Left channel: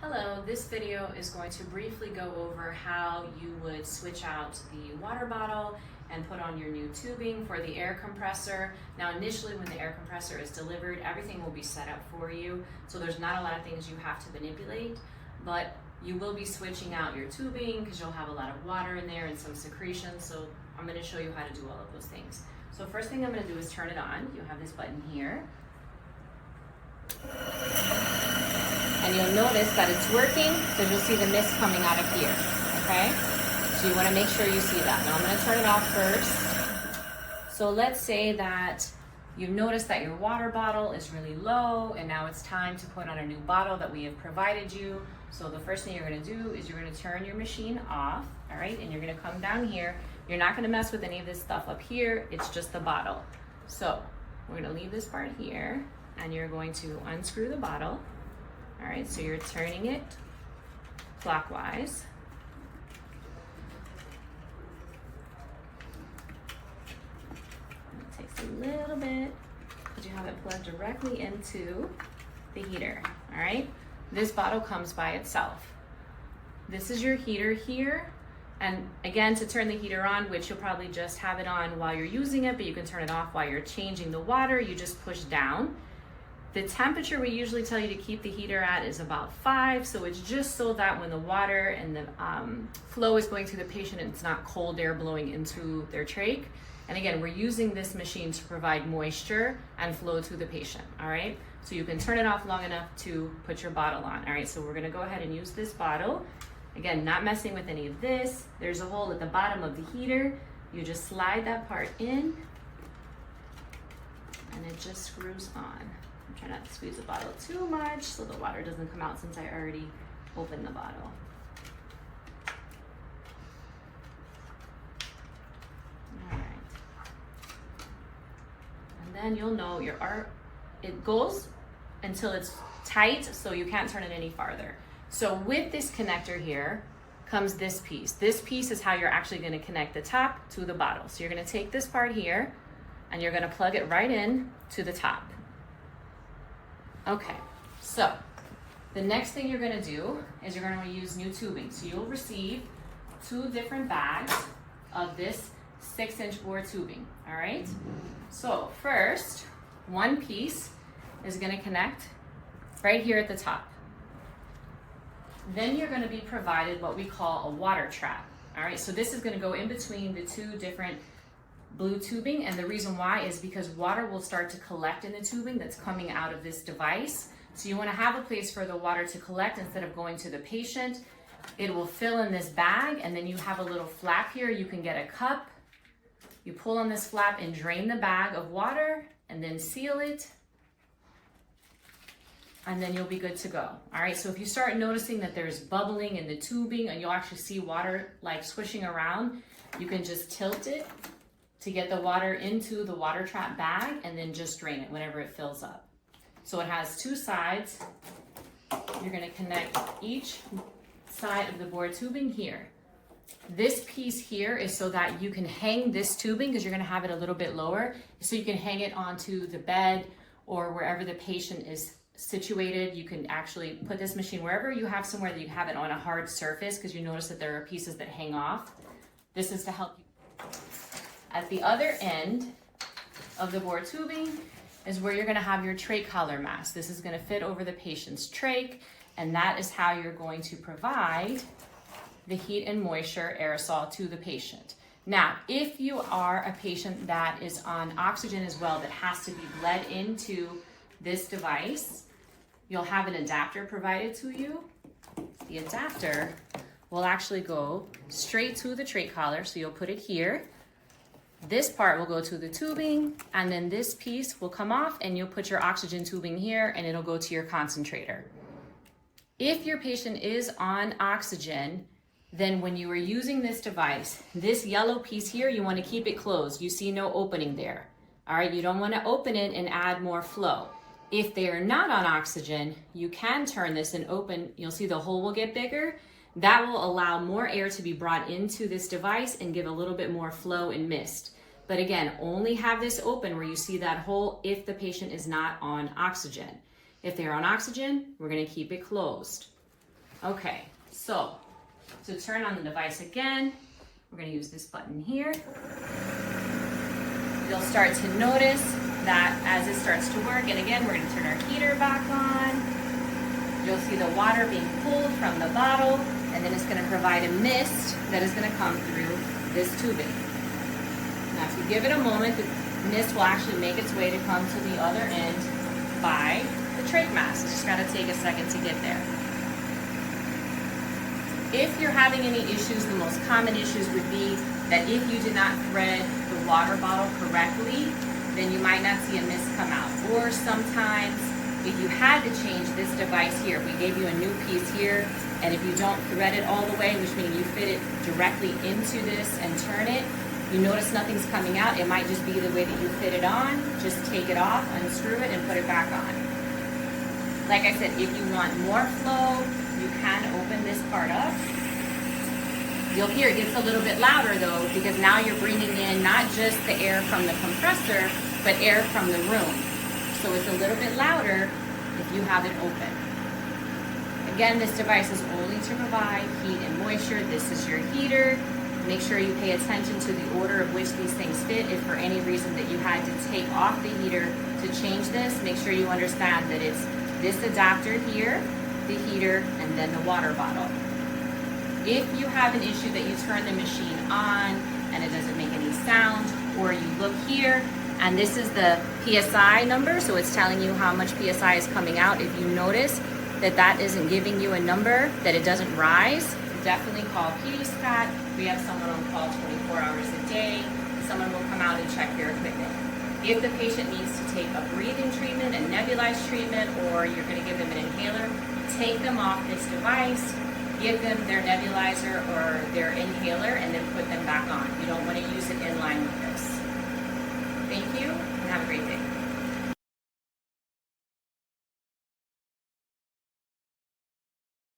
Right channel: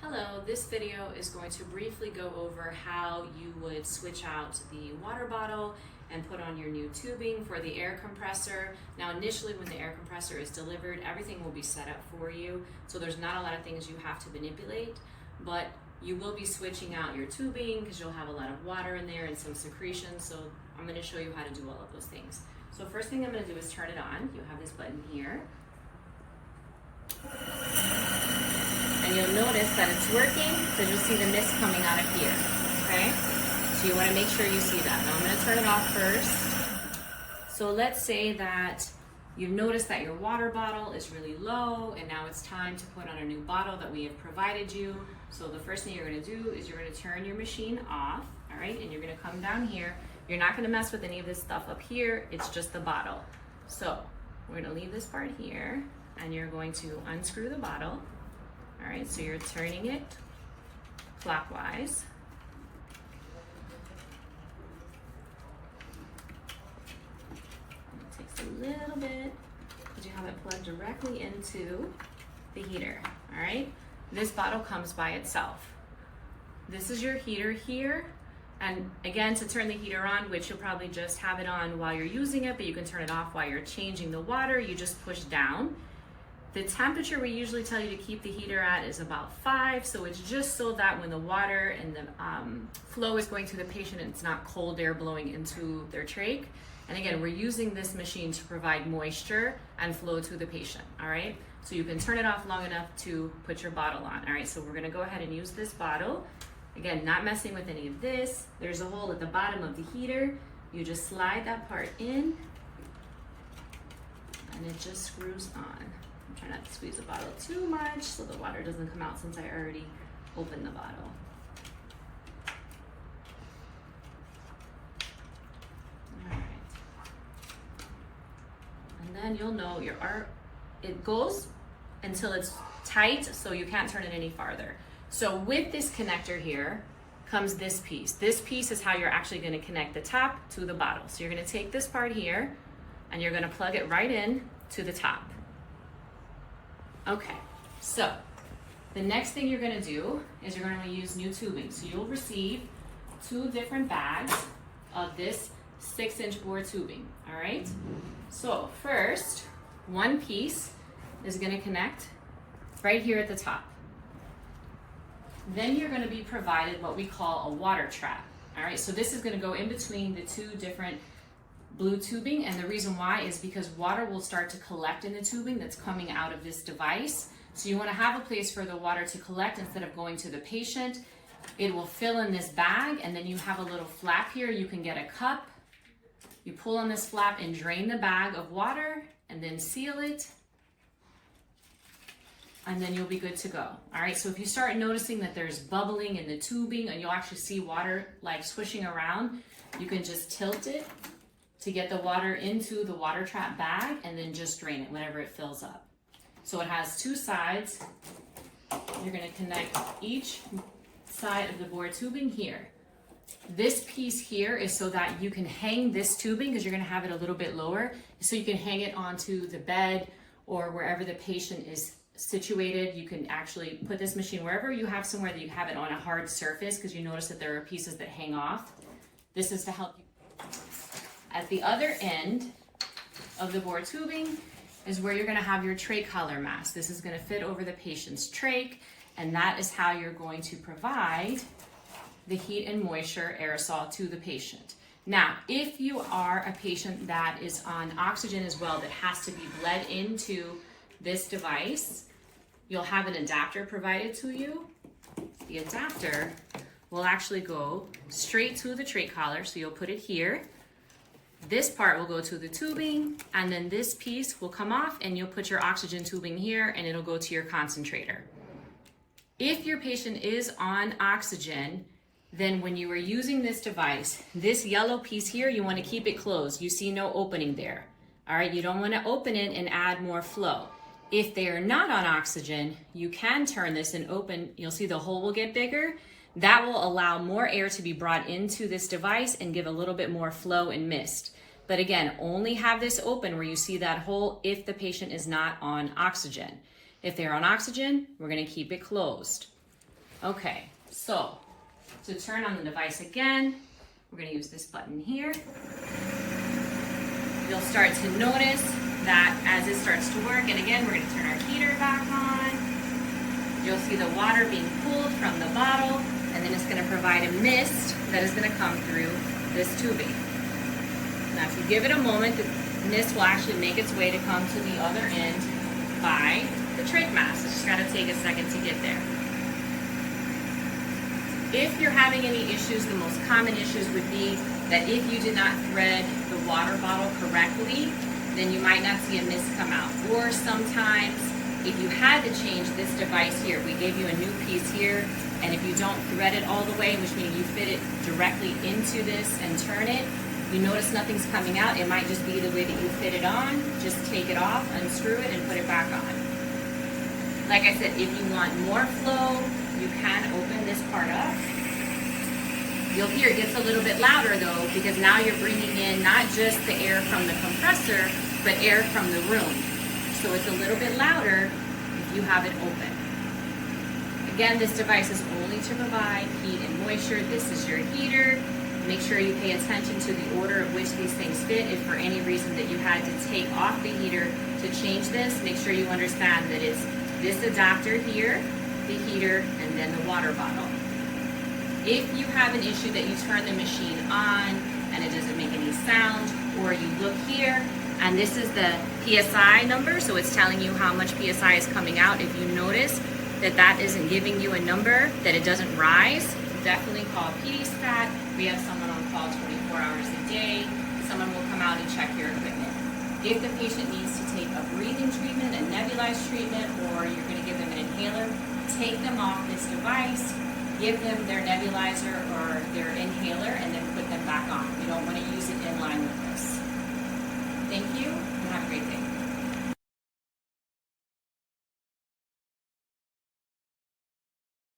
Hello, this video is going to briefly go over how you would switch out the water bottle and put on your new tubing for the air compressor. Now initially when the air compressor is delivered, everything will be set up for you, so there's not a lot of things you have to manipulate, but you will be switching out your tubing because you'll have a lot of water in there and some secretions, so I'm going to show you how to do all of those things. So first thing I'm going to do is turn it on. You have this button here. And you'll notice that it's working because you'll see the mist coming out of here, okay? So you want to make sure you see that. Now I'm going to turn it off first. So let's say that you've noticed that your water bottle is really low and now it's time to put on a new bottle that we have provided you. So the first thing you're going to do is you're going to turn your machine off, all right? And you're going to come down here. You're not going to mess with any of this stuff up here. It's just the bottle. So we're going to leave this part here and you're going to unscrew the bottle. All right, so you're turning it clockwise. It takes a little bit because you have it plugged directly into the heater, all right? This bottle comes by itself. This is your heater here. And again, to turn the heater on, which you'll probably just have it on while you're using it, but you can turn it off while you're changing the water, you just push down. The temperature we usually tell you to keep the heater at is about 5, so it's just so that when the water and the flow is going through the patient, it's not cold air blowing into their trach. And again, we're using this machine to provide moisture and flow to the patient, all right? So you can turn it off long enough to put your bottle on, all right? So we're gonna go ahead and use this bottle. Again, not messing with any of this. There's a hole at the bottom of the heater. You just slide that part in and it just screws on. Try not to squeeze the bottle too much so the water doesn't come out since I already opened the bottle. All right. And then you'll know it goes until it's tight so you can't turn it any farther. So with this connector here comes this piece. This piece is how you're actually going to connect the top to the bottle. So you're going to take this part here and you're going to plug it right in to the top. Okay, so the next thing you're gonna do is you're gonna use new tubing. So you'll receive 2 different bags of this 6-inch bore tubing, all right? So first, one piece is gonna connect right here at the top. Then you're gonna be provided what we call a water trap, all right? So this is gonna go in between the 2 different blue tubing, and the reason why is because water will start to collect in the tubing that's coming out of this device. So you want to have a place for the water to collect instead of going to the patient. It will fill in this bag, and then you have a little flap here. You can get a cup, you pull on this flap and drain the bag of water and then seal it, and then you'll be good to go. All right, so if you start noticing that there's bubbling in the tubing and you'll actually see water like swishing around, you can just tilt it to get the water into the water trap bag and then just drain it whenever it fills up. So it has 2 sides. You're gonna connect each side of the bore tubing here. This piece here is so that you can hang this tubing because you're gonna have it a little bit lower, so you can hang it onto the bed or wherever the patient is situated. You can actually put this machine wherever you have somewhere that you have it on a hard surface because you notice that there are pieces that hang off. This is to help you. At the other end of the bore tubing is where you're going to have your trach collar mask. This is going to fit over the patient's trach, and that is how you're going to provide the heat and moisture aerosol to the patient. Now, if you are a patient that is on oxygen as well that has to be bled into this device, you'll have an adapter provided to you. The adapter will actually go straight to the trach collar, so you'll put it here. This part will go to the tubing, and then this piece will come off and you'll put your oxygen tubing here and it'll go to your concentrator. If your patient is on oxygen, then when you are using this device, this yellow piece here, you want to keep it closed. You see no opening there. All right, you don't want to open it and add more flow. If they are not on oxygen, you can turn this and open. You'll see the hole will get bigger. That will allow more air to be brought into this device and give a little bit more flow and mist. But again, only have this open where you see that hole if the patient is not on oxygen. If they're on oxygen, we're going to keep it closed. Okay, so to turn on the device again, we're going to use this button here. You'll start to notice that as it starts to work, and again, we're going to turn our heater back on. You'll see the water being pulled from the bottle, and then it's going to provide a mist that is going to come through this tubing. Now, if you give it a moment, the mist will actually make its way to come to the other end by the trach mask. It's just got to take a second to get there. If you're having any issues, the most common issues would be that if you did not thread the water bottle correctly, then you might not see a mist come out. Or sometimes, if you had to change this device here, we gave you a new piece here, and if you don't thread it all the way, which means you fit it directly into this and turn it, you notice nothing's coming out. It might just be the way that you fit it on. Just take it off, unscrew it, and put it back on. Like I said, if you want more flow, you can open this part up. You'll hear it gets a little bit louder though, because now you're bringing in not just the air from the compressor, but air from the room. So it's a little bit louder if you have it open. Again, this device is only to provide heat and moisture. This is your heater. Make sure you pay attention to the order of which these things fit. If for any reason that you had to take off the heater to change this, make sure you understand that it's this adapter here, the heater, and then the water bottle. If you have an issue that you turn the machine on and it doesn't make any sound, or you look here and this is the PSI number, so it's telling you how much PSI is coming out. If you notice that that isn't giving you a number, that it doesn't rise, definitely call PDSPAT. We have someone on call 24 hours a day. Someone will come out and check your equipment. If the patient needs to take a breathing treatment, a nebulized treatment, or you're going to give them an inhaler, take them off this device, give them their nebulizer or their inhaler, and then put them